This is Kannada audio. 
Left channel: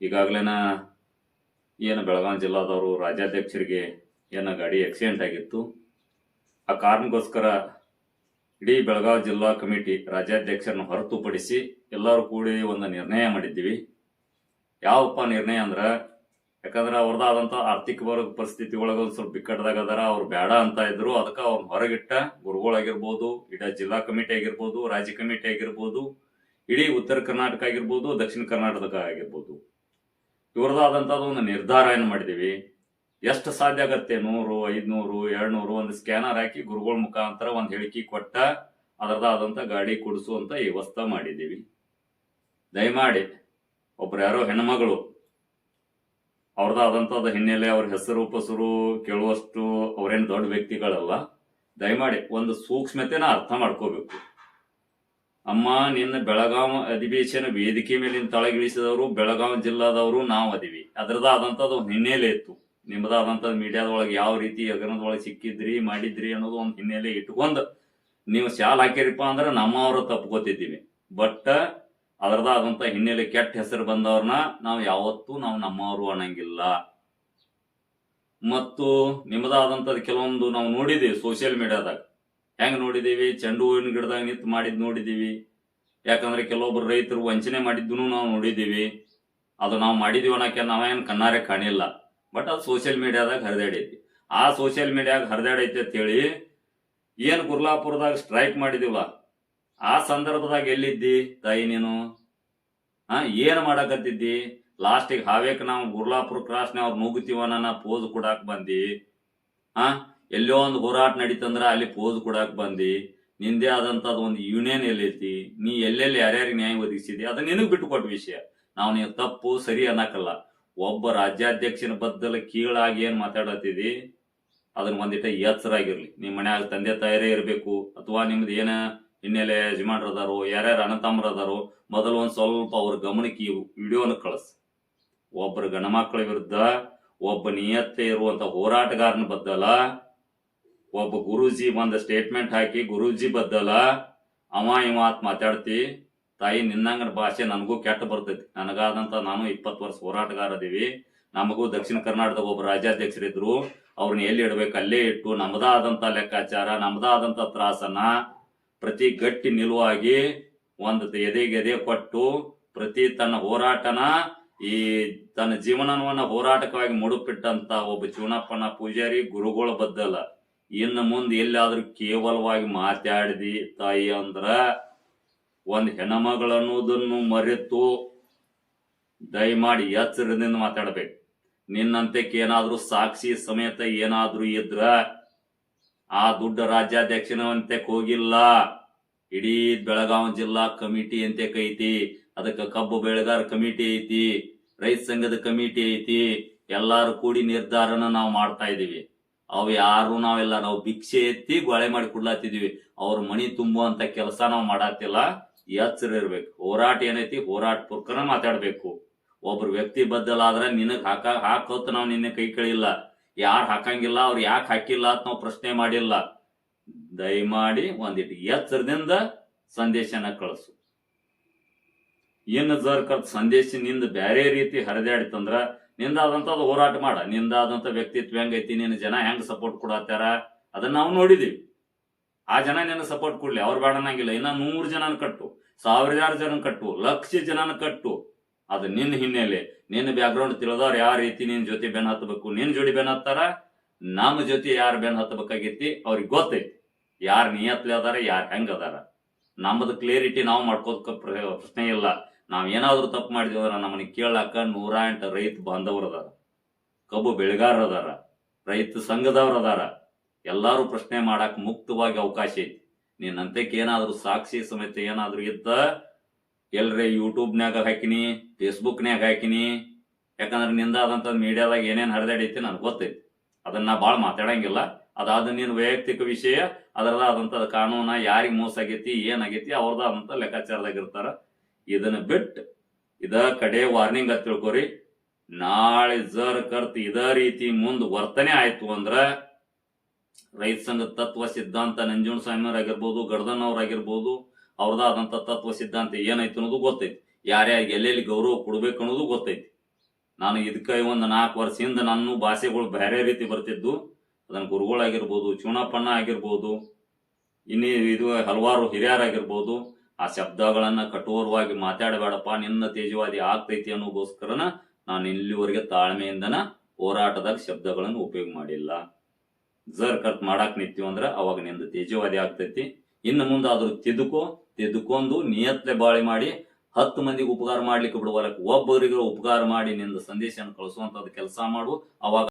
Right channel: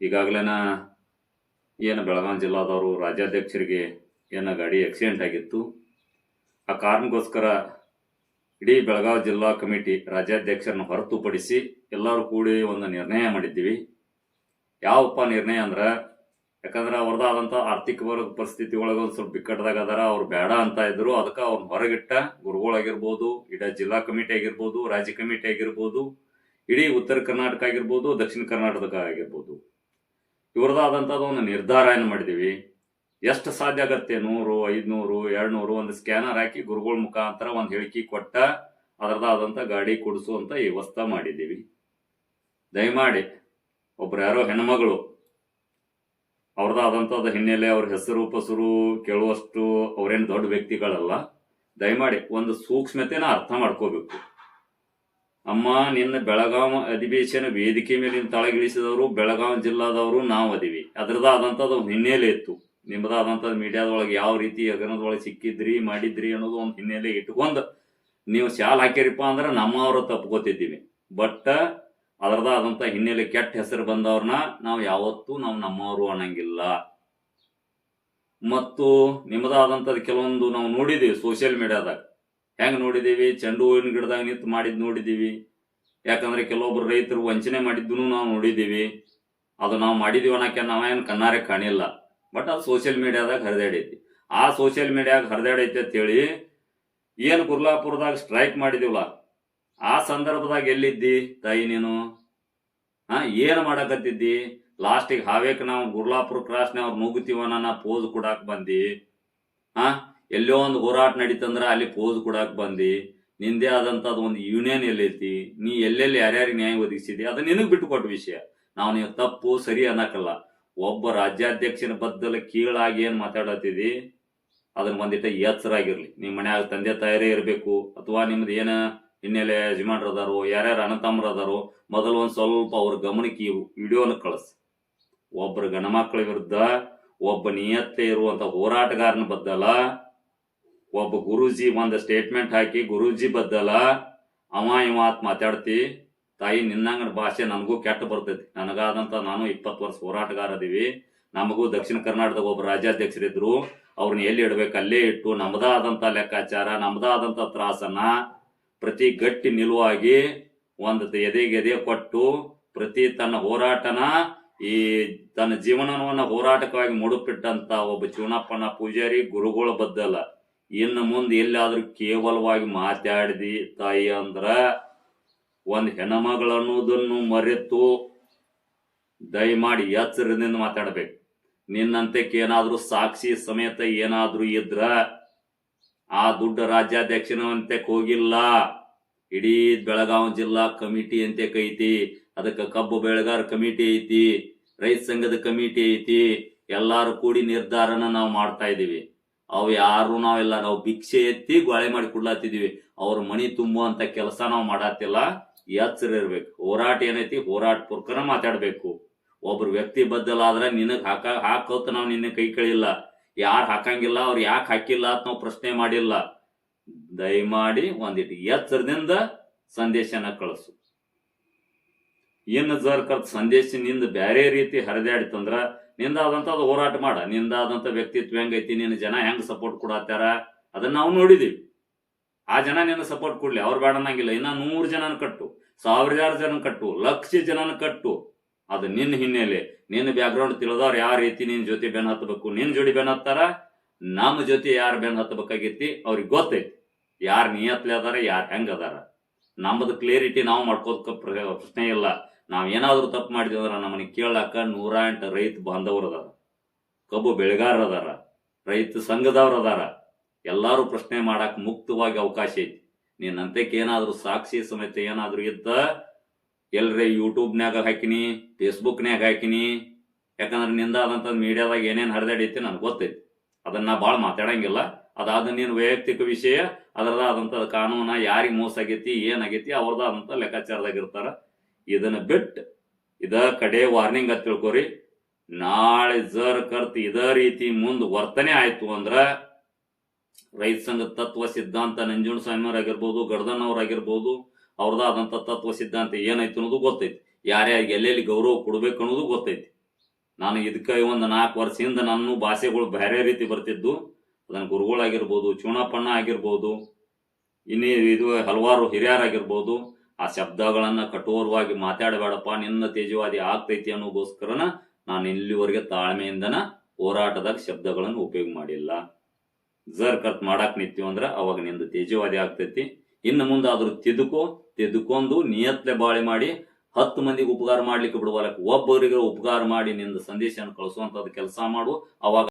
ಈಗಾಗಲೇನ ಏನು ಬೆಳಗಾವಿ ಜಿಲ್ಲಾದವರು ರಾಜ್ಯಾಧ್ಯಕ್ಷರಿಗೆ ಏನೋ ಗಾಡಿ ಆಕ್ಸಿಡೆಂಟ್ ಆಗಿತ್ತು. ಆ ಕಾರಣಕ್ಕೋಸ್ಕರ ಇಡೀ ಬೆಳಗಾವಿ ಜಿಲ್ಲಾ ಕಮಿಟಿ ರಾಜ್ಯಾಧ್ಯಕ್ಷರನ್ನು ಹೊರತುಪಡಿಸಿ ಎಲ್ಲರೂ ಕೂಡಿ ಒಂದು ನಿರ್ಣಯ ಮಾಡಿದ್ದೀವಿ. ಯಾವಪ್ಪ ನಿರ್ಣಯ ಅಂದ್ರೆ, ಯಾಕಂದ್ರೆ ಅವ್ರದ್ದಾದಂಥ ಆರ್ಥಿಕ ವರ್ಗ ಪರಿಸ್ಥಿತಿ ಒಳಗೆ ಒಂದು ಸ್ವಲ್ಪ ಬಿಕ್ಕಟ್ಟದಾಗ ಅದರ, ಅವ್ರು ಬೇಡ ಅಂತ ಇದ್ರು. ಅದಕ್ಕೆ ಅವ್ರನ್ನ ಹೊರಗಿಟ್ಟ ಗುರುಗಳಾಗಿರ್ಬೋದು ಇಡೀ ಜಿಲ್ಲಾ ಕಮಿಟಿ ಆಗಿರ್ಬೋದು, ರಾಜ್ಯ ಕಮಿಟಿ ಆಗಿರ್ಬೋದು, ಇಡೀ ಉತ್ತರ ಕರ್ನಾಟಕ ಆಗಿರ್ಬೋದು, ದಕ್ಷಿಣ ಕರ್ನಾಟಕ ಆಗಿರ್ಬೋದು. ಇವ್ರದ್ದಾದಂಥದ್ದು ಒಂದು ನಿರ್ಧಾರ ಏನು ಮಾಡಿದೀವಿ? ಎಷ್ಟು ಸಾಧ್ಯ ಆಗತ್ತೆ? ನೂರು, ಐದ್ನೂರು, ಎರಡ್ನೂರು ಒಂದು ಸ್ಕ್ಯಾನರ್ ಹಾಕಿ ಗುರುಗಳ ಮುಖಾಂತರ ಒಂದು ಹೇಳಿಕೆ ಕೊಟ್ಟ ಅದರದಾದಂಥ ಗಾಡಿ ಕೊಡಿಸುವಂತ ವ್ಯವಸ್ಥೆ ಮಾಡಿದ್ದೀವಿ ದಯಮಾಡಿ ಒಬ್ರು ಯಾರೋ ಹೆಣ್ಮಗಳು ಅವ್ರದ್ದಾದಂಥದ್ದು ಹಿನ್ನೆಲೆ ಅವ್ರ ಹೆಸರು, ಪಸರು ಕೇಳುವಷ್ಟು ಅವ್ರೇನು ದೊಡ್ಡ ವ್ಯಕ್ತಿಗಳಲ್ಲ, ದಯಮಾಡಿ ಒಂದು ಸೂಕ್ಷ್ಮತೆನ ಅರ್ಥ ಮಾಡ್ಕೋಬೇಕು. ಅಮ್ಮ, ನಿನ್ನ ಬೆಳಗಾವಿ ಅಧಿವೇಶನ ವೇದಿಕೆ ಮೇಲಿನ ತಳಗಿಳಿಸಿದವರು ಬೆಳಗಾವಿ ಜಿಲ್ಲಾದವರು, ನಾವು ಅದೀವಿ. ಅದರದಾದಂಥದ್ದು ಒಂದು ಹಿನ್ನೆಲೆ ಇತ್ತು. ನಿಮ್ಮದಾದಂಥದ್ದು ಮೀಡಿಯಾದೊಳಗೆ ಯಾವ ರೀತಿ ಹಗರಣದೊಳಗೆ ಸಿಕ್ಕಿದ್ರಿ, ಮಾಡಿದ್ರಿ ಅನ್ನೋದು ಒಂದು ಹಿನ್ನೆಲೆ ಇಟ್ಕೊಂಡು ನೀವು ಶಾಲ್ ಹಾಕಿರಿಪ್ಪ ಅಂದ್ರೆ ನಮ್ಮವರು ತಪ್ಕೋತಿದ್ದೀವಿ ಬಟ್ ಅದರದಾದಂಥ ಹಿನ್ನೆಲೆ ಕೆಟ್ಟ ಹೆಸರು ಬಂದವ್ರನ್ನ ನಾವು ಯಾವತ್ತೂ ನಾವು ನಮ್ಮವರು ಅನ್ನಂಗಿಲ್ಲ. ಮತ್ತು ನಿಮ್ಮದಾದಂಥದ್ದು ಕೆಲವೊಂದು ನಾವು ನೋಡಿದ್ದೀವಿ ಸೋಷಿಯಲ್ ಮೀಡಿಯಾದಾಗ ಹೆಂಗ್ ನೋಡಿದ್ದೀವಿ ಚೆಂಡು ಹೂವಿನ ಗಿಡದಾಗ ನಿಂತು ಮಾಡಿದ್ದು ನೋಡಿದ್ದೀವಿ ಯಾಕಂದ್ರೆ ಕೆಲವೊಬ್ರು ರೈತರು ವಂಚನೆ ಮಾಡಿದ್ದನ್ನು ನಾವು ನೋಡಿದ್ದೀವಿ ಅದು ನಾವು ಮಾಡಿದೀವಿ ನಾವು ನಾವೇನು ಕಣ್ಣಾರೆ ಕಾಣಿಲ್ಲ. ಬಟ್ ಅದು ಸೋಷಿಯಲ್ ಮೀಡಿಯಾದಾಗ ಹರಿದಾಡೈತಿ. ಆ ಸೋಷಿಯಲ್ ಮೀಡಿಯಾಗ ಹರಿದಾಡೈತಿ ಅಂತೇಳಿ ಏನು ಕುರ್ಲಾಪುರದಾಗ ಸ್ಟ್ರೈಕ್ ಮಾಡಿದಿವಲ್ಲ, ಆ ಸಂದರ್ಭದಾಗ ಎಲ್ಲಿದ್ದಿ ತಾಯಿ ನೀನು? ಹಾ ಏನು ಮಾಡಕತ್ತಿದ್ದಿ? ಲಾಸ್ಟಿಗೆ ಹಾವೇಕ್ ನಾವು ಗುರ್ಲಾಪುರ ಕ್ರಾಸ್ನ ಅವ್ರು ನುಗ್ಗುತ್ತೀವನ್ನ ಪೋಸ್ ಕೊಡಾಕ್ ಬಂದಿ. ಹಾ ಎಲ್ಲೋ ಒಂದು ಹೋರಾಟ ನಡೀತಂದ್ರೆ ಅಲ್ಲಿ ಪೋಸ್ ಕೊಡಕ್ಕೆ ಬಂದು, ನಿಂದೇ ಆದಂಥದ್ದು ಒಂದು ಯೂನಿಯನ್ ಎಲ್ಲೈತಿ, ನೀ ಎಲ್ಲೆಲ್ಲಿ ಯಾರ್ಯಾರಿಗೆ ನ್ಯಾಯ ಒದಗಿಸಿದೆ, ಅದು ನಿನಗೆ ಬಿಟ್ಟುಕೊಟ್ಟ ವಿಷಯ. ನಾವು ನೀವು ತಪ್ಪು, ಸರಿ ಅನ್ನಕಲ್ಲ. ಒಬ್ಬ ರಾಜ್ಯಾಧ್ಯಕ್ಷನ ಬದ್ದಲ ಕೀಳಾಗಿ ಏನು ಮಾತಾಡತ್ತಿದಿ ಅದನ್ನ ಒಂದಿಟ ಎಚ್ಚರಾಗಿರ್ಲಿ. ನಿಮ್ಮ ಮನ್ಯಾಗ ತಂದೆ ತಾಯರೇ ಇರಬೇಕು, ಅಥವಾ ನಿಮ್ದು ಏನ ಹಿನ್ನೆಲೆ ಯಜಮಾನ್ರು ಅದಾರೋ, ಯಾರ್ಯಾರು ಅಣ್ಣತಮ್ಮರು ಅದಾರೋ, ಮೊದಲು ಒಂದು ಸ್ವಲ್ಪ ಅವ್ರ ಗಮನಕ್ಕೆ ವಿಡಿಯೋನ ಕಳಿಸ್. ಒಬ್ಬರು ಗಣಮಕ್ಕಳ ವಿರುದ್ಧ ಒಬ್ಬ ನಿಯತ್ತೆ ಇರುವಂಥ ಹೋರಾಟಗಾರನ ಬದ್ದಲ ಒಬ್ಬ ಗುರೂಜಿ ಒಂದು ಸ್ಟೇಟ್ಮೆಂಟ್ ಹಾಕಿ, ಗುರೂಜಿ ಬದ್ದಲ, ಅವ ಇವ ಅಂತ ಮಾತಾಡ್ತಿ, ತಾಯಿ ನಿನ್ನಂಗ ಭಾಷೆ ನನಗೂ ಕೆಟ್ಟ ಬರ್ತೈತಿ. ನನಗಾದಂತ ನಾನು ಇಪ್ಪತ್ತು ವರ್ಷ ಹೋರಾಟಗಾರ ಅದೀವಿ. ನಮಗೂ ದಕ್ಷಿಣ ಕರ್ನಾಟಕದ ಒಬ್ಬ ರಾಜ್ಯಾಧ್ಯಕ್ಷರಿದ್ರು. ಅವ್ರನ್ನ ಎಲ್ಲಿ ಇಡ್ಬೇಕು? ಅಲ್ಲೇ ಇಟ್ಟು ನಮ್ದಾದಂತ ಲೆಕ್ಕಾಚಾರ ನಮ್ದಾದಂತ ತ್ರಾಸನ್ನ ಪ್ರತಿ ಗಟ್ಟಿ ನಿಲುವಾಗಿ ಒಂದು ಎದೆಗೆ ಎದೆ ಕೊಟ್ಟು ಪ್ರತಿ ತನ್ನ ಹೋರಾಟನ ಈ ತನ್ನ ಜೀವನವನ್ನ ಹೋರಾಟಕವಾಗಿ ಮುಡುಪಿಟ್ಟಂತ ಒಬ್ಬ ಶಿವನಪ್ಪನ ಪೂಜಾರಿ ಗುರುಗಳ ಬದ್ದಲ್ಲ ಇನ್ನು ಮುಂದೆ ಎಲ್ಲಾದ್ರೂ ಕೇವಲವಾಗಿ ಮಾತಾಡಿದಿ ತಾಯಿ ಅಂದ್ರ ಒಂದು ಹೆಣ್ಮಗಳು ಅನ್ನೋದನ್ನು ಮರೆತು ದಯಮಾಡಿ ಎಚ್ಚರದಿಂದ ಮಾತಾಡ್ಬೇಕು. ನಿನ್ನಂತಕ್ಕೆ ಏನಾದರೂ ಸಾಕ್ಷಿ ಸಮೇತ ಏನಾದರೂ ಇದ್ರ ಆ ದುಡ್ಡ ರಾಜ್ಯಾಧ್ಯಕ್ಷನಂತೆ ಹೋಗಿಲ್ಲ. ಇಡೀ ಬೆಳಗಾವಿ ಜಿಲ್ಲಾ ಕಮಿಟಿ ಅಂತ ಐತಿ ಅದಕ್ಕೆ ಕಬ್ಬು ಬೆಳೆಗಾರ ಕಮಿಟಿ ಐತಿ, ರೈತ ಸಂಘದ ಕಮಿಟಿ ಐತಿ. ಎಲ್ಲಾರು ಕೂಡಿ ನಿರ್ಧಾರನ ನಾವು ಮಾಡ್ತಾ ಇದೀವಿ ಅವು ಯಾರು ನಾವೆಲ್ಲ ನಾವು ಭಿಕ್ಷೆ ಎತ್ತಿ ಗೊಳೆ ಮಾಡಿ ಕೊಡ್ಲಾತಿದೀವಿ. ಅವ್ರ ಮಣಿ ತುಂಬುವಂತ ಕೆಲಸ ನಾವು ಮಾಡತ್ತಿಲ್ಲ ಎಚ್ಚರ ಇರ್ಬೇಕು. ಹೋರಾಟ ಏನೈತಿ? ಹೋರಾಟ ಪೂರ್ಕನ ಮಾತಾಡ್ಬೇಕು. ಒಬ್ರು ವ್ಯಕ್ತಿ ಬದ್ದಲಾದ್ರೆ ನಿನಗ್ ಹಾಕ, ಹಾಕೋತ ನಾವು ನಿನ್ನ ಕೈ ಕಳಿಲ್ಲ. ಯಾರು ಹಾಕಂಗಿಲ್ಲ, ಅವ್ರು ಯಾಕೆ ಹಾಕಿಲ್ಲ ಅಂತ ನಾವು ಪ್ರಶ್ನೆ ಮಾಡಿಲ್ಲ. ದಯಮಾಡಿ ಒಂದಿಟ್ಟು ಎಚ್ಚರದಿಂದ ಸಂದೇಶನ ಕಳಿಸು. ಏನು ಜರ್ಕರ್ ಸಂದೇಶ ನಿಂದ ಬ್ಯಾರೆ ರೀತಿ ಹರಿದಾಡಿತಂದ್ರ ನಿಂದಾದಂತ ಅದು ಹೋರಾಟ ಮಾಡ. ನಿಂದಾದಂಥ ವ್ಯಕ್ತಿತ್ವ ಹೆಂಗೈತಿ, ನಿನ್ನ ಜನ ಹೆಂಗ್ ಸಪೋರ್ಟ್ ಕೊಡತ್ತಾರ ಅದನ್ನ ನಾವು ನೋಡಿದೀವಿ. ಆ ಜನ ನಿನ್ನ ಸಪೋರ್ಟ್ ಕೊಡ್ಲಿ, ಅವ್ರು ಬೇಡ ಅನ್ನಂಗಿಲ್ಲ. ಇನ್ನ ನೂರು ಜನನ ಕಟ್ಟು ಸಾವಿರಾರು ಜನ ಕಟ್ಟು, ಲಕ್ಷ ಜನನ ಕಟ್ಟು. ಅದು ನಿನ್ನ ಹಿನ್ನೆಲೆ. ನಿನ್ನ ಬ್ಯಾಕ್ಗ್ರೌಂಡ್ ತಿಳಿದವ್ರು ಯಾವ ರೀತಿ ನಿನ್ನ ಜೊತೆ ಬೆನ್ ಹತ್ತಬೇಕು ನಿನ್ನ ಜೋಡಿ ಬೆನ್ ಹತ್ತಾರ? ನಮ್ಮ ಜೊತೆ ಯಾರು ಬೆನ್ ಹತ್ತಬೇಕಾಗೈತಿ ಅವ್ರಿಗೆ ಗೊತ್ತೈತಿ ಯಾರು ನಿಯತ್ಲೆ ಅದಾರ, ಯಾರು ಹೆಂಗ್ ಅದಾರ? ನಮ್ಮದು ಕ್ಲಿಯರಿಟಿ ನಾವು ಮಾಡ್ಕೋದಕ್ಕೆ ಪ್ರಶ್ನೆ ಇಲ್ಲ. ನಾವ್ ಏನಾದರೂ ತಪ್ಪು ಮಾಡಿದ್ವಿ ಅಂದ್ರೆ ನಮ್ಮನ್ನ ಕೇಳಾಕ ನೂರ ಎಂಟು ರೈತ ಬಾಂಧವರು ಅದಾರ. ಕಬ್ಬು ಬೆಳೆಗಾರರು ಅದಾರ ರೈತ ಸಂಘದವ್ರು ಅದಾರ. ಎಲ್ಲಾರು ಪ್ರಶ್ನೆ ಮಾಡಕ್ ಮುಕ್ತವಾಗಿ ಅವಕಾಶ ಐತಿ. ನಿನ್ನಂತಕ್ಕೆ ಏನಾದರೂ ಸಾಕ್ಷಿ ಸಮೇತ ಏನಾದರೂ ಇದ್ದ ಎಲ್ರಿ ಯೂಟ್ಯೂಬ್ನ್ಯಾಗ ಹಾಕಿನಿ ಫೇಸ್ಬುಕ್ನ್ಯಾಗ ಹಾಕಿನಿ. ಯಾಕಂದ್ರೆ ನಿಂದಾದಂತ ಮೀಡಿಯಾದಾಗ ಏನೇನು ಹರಿದಾಡೈತಿ ನನಗೆ ಗೊತ್ತೈತಿ. ಅದನ್ನ ಭಾಳ ಮಾತಾಡಂಗಿಲ್ಲ. ಅದಾದ ನೀನು ವೈಯಕ್ತಿಕ ವಿಷಯ ಅದರದಾದಂತ ಕಾನೂನ ಯಾರಿಗೆ ಮೋಸ ಆಗೈತಿ ಏನಾಗೈತಿ ಅವ್ರದ್ದಾದಂಥ ಲೆಕ್ಕಾಚಾರದಾಗ ಇರ್ತಾರ. ಇದನ್ನ ಬಿಟ್ಟು ಇದ ಕಡೆ ವಾರ್ನಿಂಗ್ ಅಂತ ತಿಳ್ಕೊರಿ. ನಾಳೆ ಜರ್ ಕರ್ತ್ ಇದ ರೀತಿ ಮುಂದ್ ವರ್ತನೆ ಆಯ್ತು ಅಂದ್ರ ರೈತ ಸಂಘ ತತ್ವ ಸಿದ್ಧಾಂತ ಸ್ವಾಮಿಯವ್ರ ಆಗಿರ್ಬೋದು, ಗರ್ದನ್ ಅವ್ರ ಆಗಿರ್ಬೋದು ಅವ್ರದಾದಂತ ತತ್ವ ಸಿದ್ಧಾಂತ ಏನೈತಿ ಅನ್ನೋದು ಗೊತ್ತೈತಿ. ಯಾರ್ಯಾರಿಗೆ ಎಲ್ಲೆಲ್ಲಿ ಗೌರವ ಕೊಡ್ಬೇಕು ಅನ್ನೋದು ಗೊತ್ತೈತಿ. ನಾನು ಇದಕ್ಕೆ ಒಂದು ನಾಲ್ಕು ವರ್ಷದಿಂದ ನನ್ನ ಭಾಷೆಗಳು ಬೇರೆ ರೀತಿ ಬರ್ತಿದ್ದು. ಅದನ್ನು ಗುರುಗಳಾಗಿರ್ಬೋದು ಚೂಣಪ್ಪಣ್ಣ ಆಗಿರ್ಬೋದು, ಇನ್ನೇ ಇದು ಹಲವಾರು ಹಿರಿಯರಾಗಿರ್ಬೋದು ಆ ಶಬ್ದಗಳನ್ನ ಕಠೋರವಾಗಿ ಮಾತಾಡಬೇಡಪ್ಪ, ನಿನ್ನ ತೇಜವಾದಿ ಆಗ್ತೈತಿ ಅನ್ನೋಗೋಸ್ಕರನ ನಾನು ಇಲ್ಲಿವರೆಗೆ ತಾಳ್ಮೆಯಿಂದನ ಹೋರಾಟದಾಗ ಶಬ್ದಗಳನ್ನು ಉಪಯೋಗ ಮಾಡಿಲ್ಲ. ಜರ್ ಕರ್ತ್ ಮಾಡಾಕ್ ನಿಂತೀವಿ ಅಂದ್ರ ಅವಾಗ ನಿಂದ ತೇಜವಾದಿ ಆಗ್ತೈತಿ. ಇನ್ನು ಮುಂದೆ ಆದ್ರೂ ತಿದ್ದುಕೋ ತಿದ್ದುಕೊಂಡು ನಿಯತ್ಲೆ ಬಾಳೆ ಮಾಡಿ, ಹತ್ತು ಮಂದಿಗೆ ಉಪಕಾರ ಮಾಡ್ಲಿಕ್ಕೆ ಬಿಡುವಲ್ಲ ಒಬ್ಬರಿಗೆ ಉಪಕಾರ ಮಾಡಿ ನಿಂದ ಸಂದೇಶವನ್ನು ಕಳಿಸುವಂತದ್ದು ಕೆಲಸ ಮಾಡು, ಅವಾಗ